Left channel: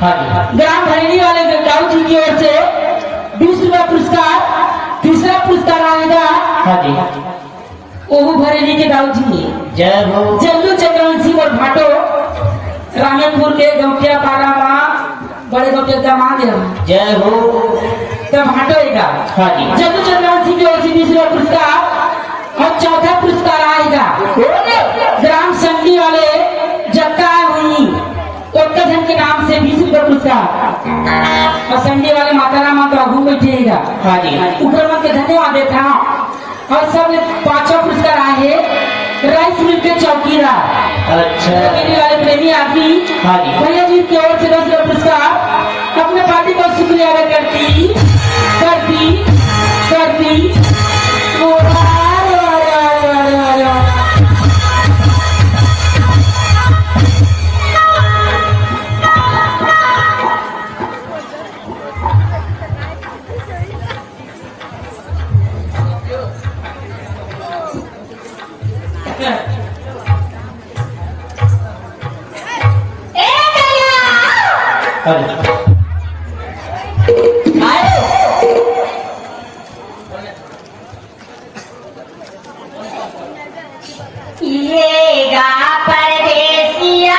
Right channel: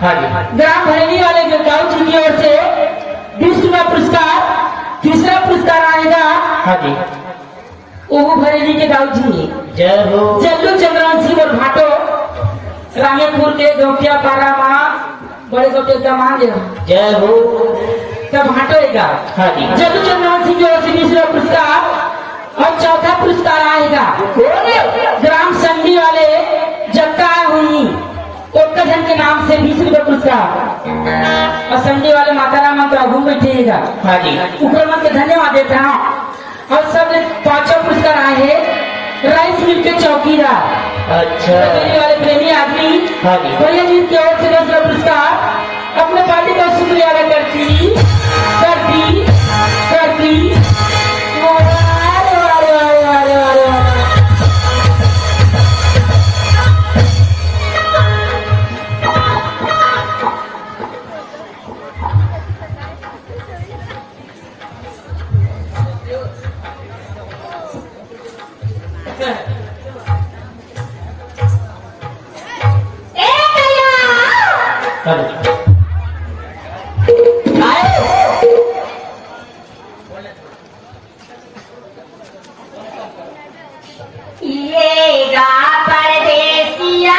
हाँ जी। ग्राम भरेली वाले दाऊ जी की ओर से 20 रुपया पुरस्कार। तीसरा पुरस्कार आएगा हाँ जी। ओहू भरेली के दाऊ जी। जय हो। जल्लू चंद्रन सिंह और घाटो रामेपुर के गौटिया पारा माँ बड़े गौटे का मांगे। जय हो। तब घाटोएगा। हाँ जी। जल्लू चंद्रन सिंह की ओर से 20 रुपया पुरस्कार। और चौथा पुरस्कार आएगा ग्राम संडी वाले जगता हुई तो के नाम से 20 रुपये पुरस्कार। और संडी वाले माता राम प्रभु बैठेगा। हाँ जी। ऊपर के धन्यवाद देता हूँ। और सब 5 पुरस्कार आए राइस मिल के चौकीदार। अच्छा। वाले प्रेमी आदमी। हाँ जी। भैया जी की ओर से 10 रुपये पुरस्कार। अपने पार्टी का शुक्रिया अदा करती ये गा परदेसिया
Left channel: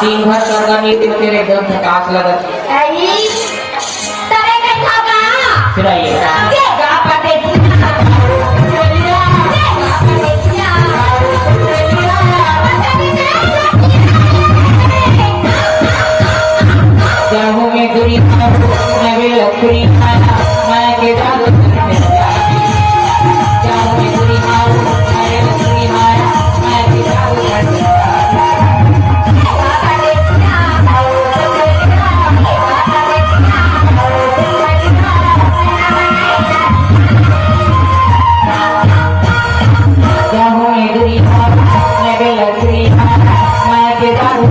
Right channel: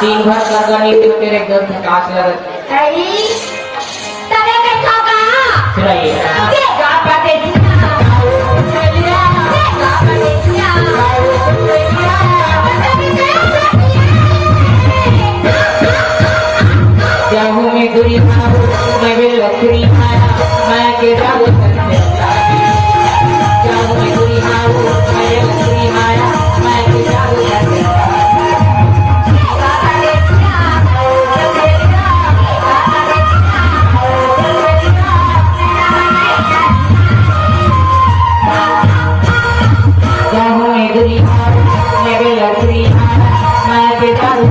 तीन भर का करनी तो तेरे दो थकास लगत फिर जाहू में गुरी नवे लखरी मैं के जाहू में गुरी नवे लखरी मैं के जाहू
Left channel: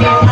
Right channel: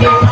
Yeah.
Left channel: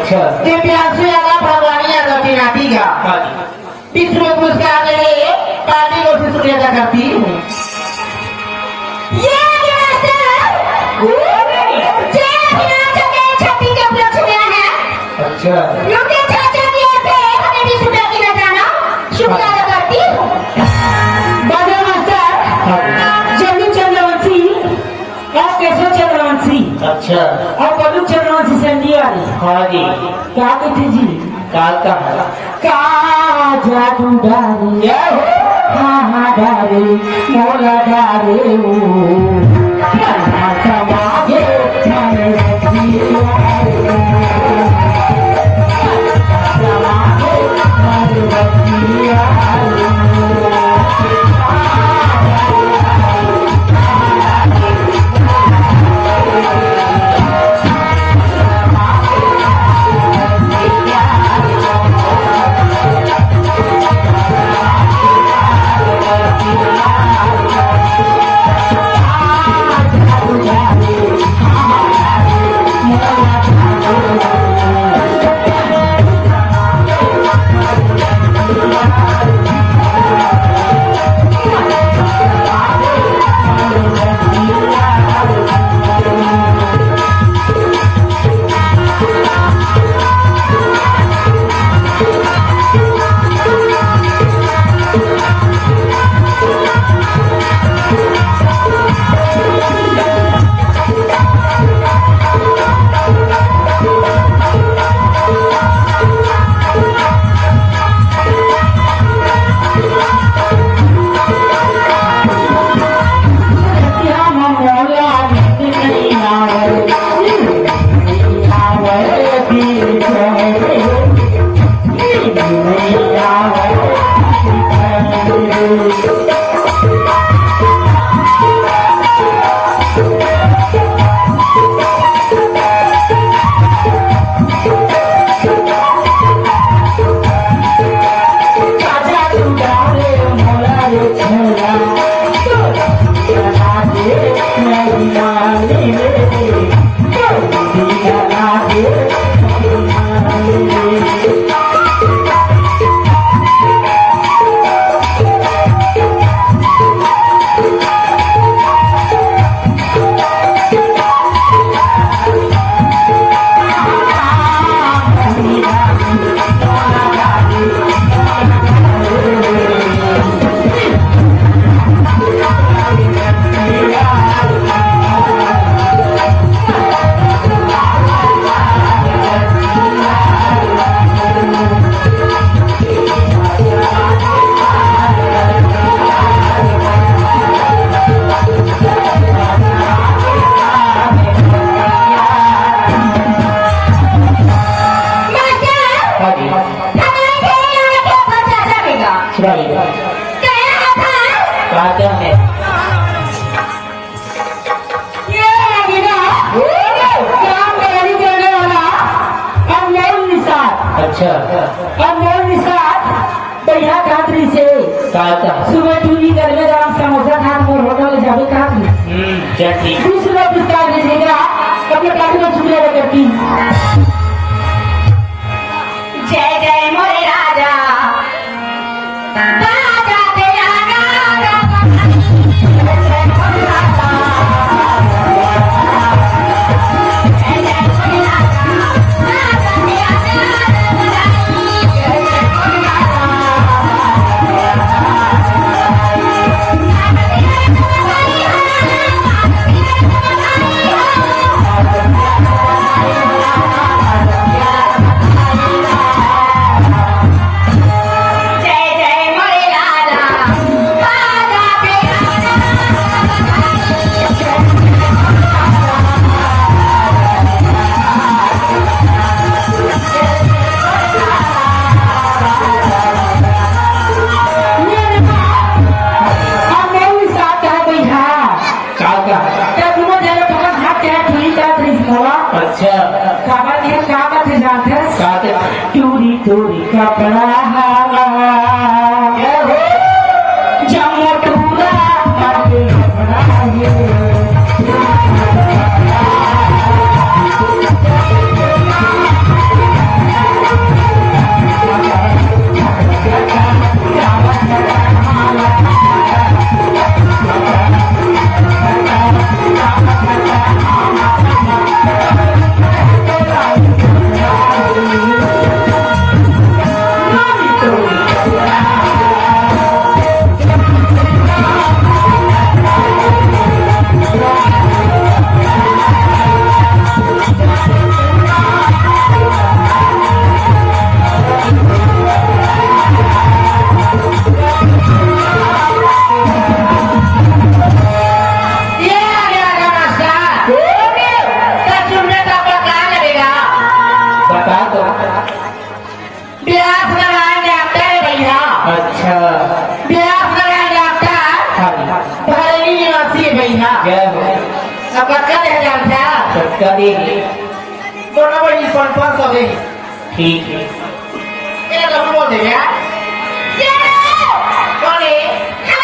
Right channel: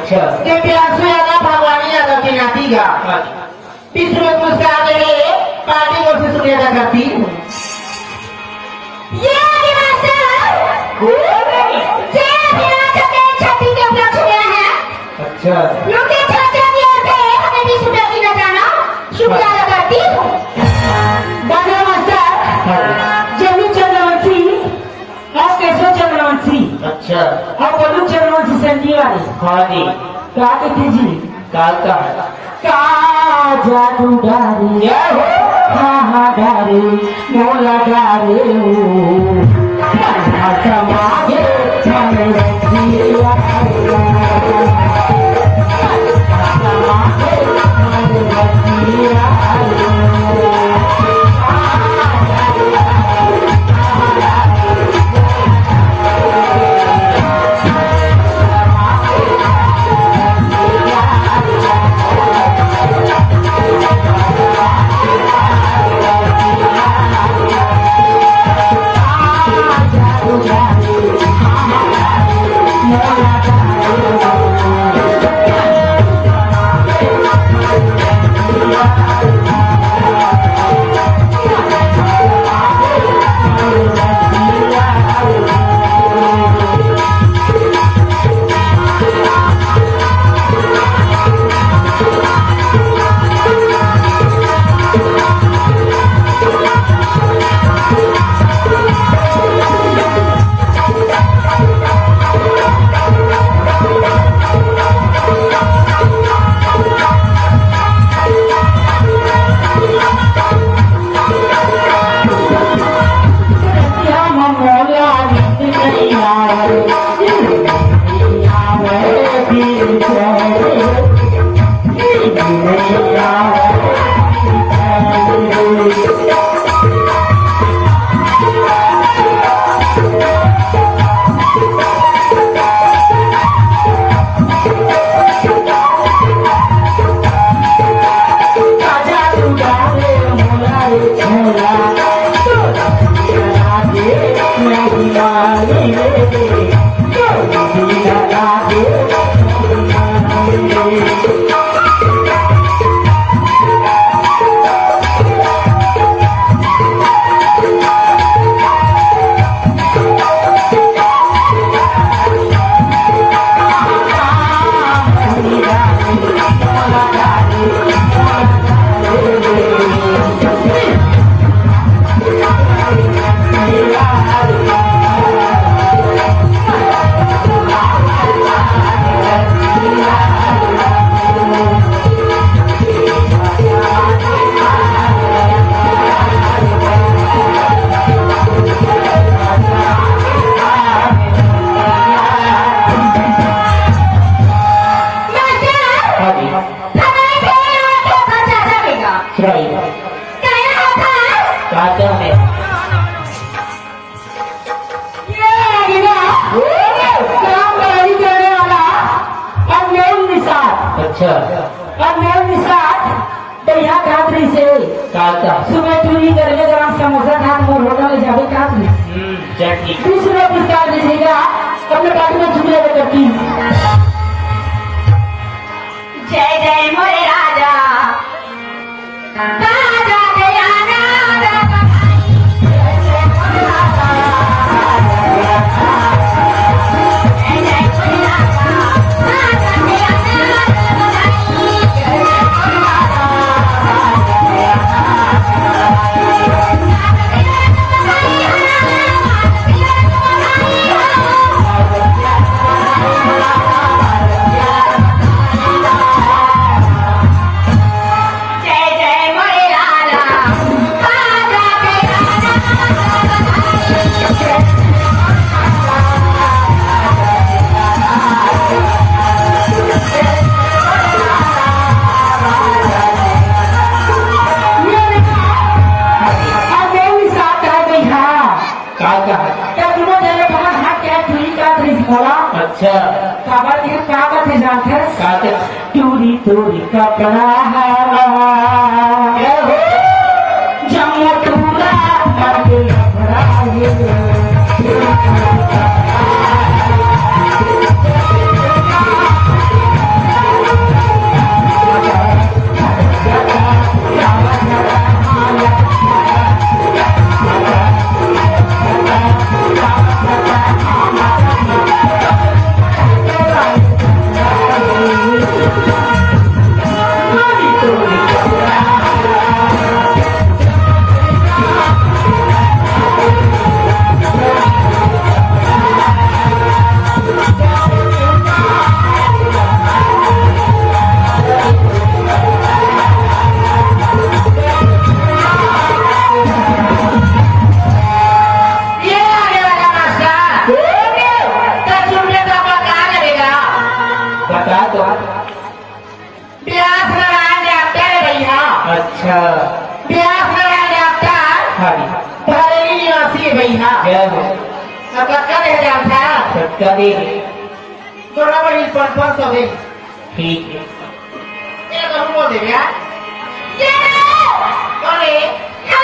अच्छा ये प्यासी राजा भगवानी यादव की नाती का तीसरे पुरस्कार के लिए पार्टी को शुक्रिया अदा करती हूँ। ये मास्टर छठी का उपलक्ष्य गया है। अच्छा युवती छात्रों की ओर से हमें 20 रुपए की नजराना शुक्रिया अदा करती हूँ। बाबा मास्टर जल्लू चंद्रवंशी और केशव चंद्रवंशी अच्छा और बल्लू चंद्रवंशी संजय वाले हाँ जी क्या कहते जी काल का का जादू डारे हाँ डारे मोला डारे समागे अच्छा अब मेरे निशान बढ़िया खातरी से सुबह चूरी करने ग्राम समोसा खान और होटल में जावे खातरी दूसरा पुरस्कार विजेता अपने बाबू में शुक्रिया करती। जय जय मोरे राजा राजा तेरा नाम अच्छा कागज है कागज है जानते हैं कागज टूरी टूरी कपड़ा जम टूरा करके जय हो अब क्या रह जान था सबका देंगे बराबर इस पर तो देंगे ठीक है ये तो हम बोल देंगे ये कौन है हम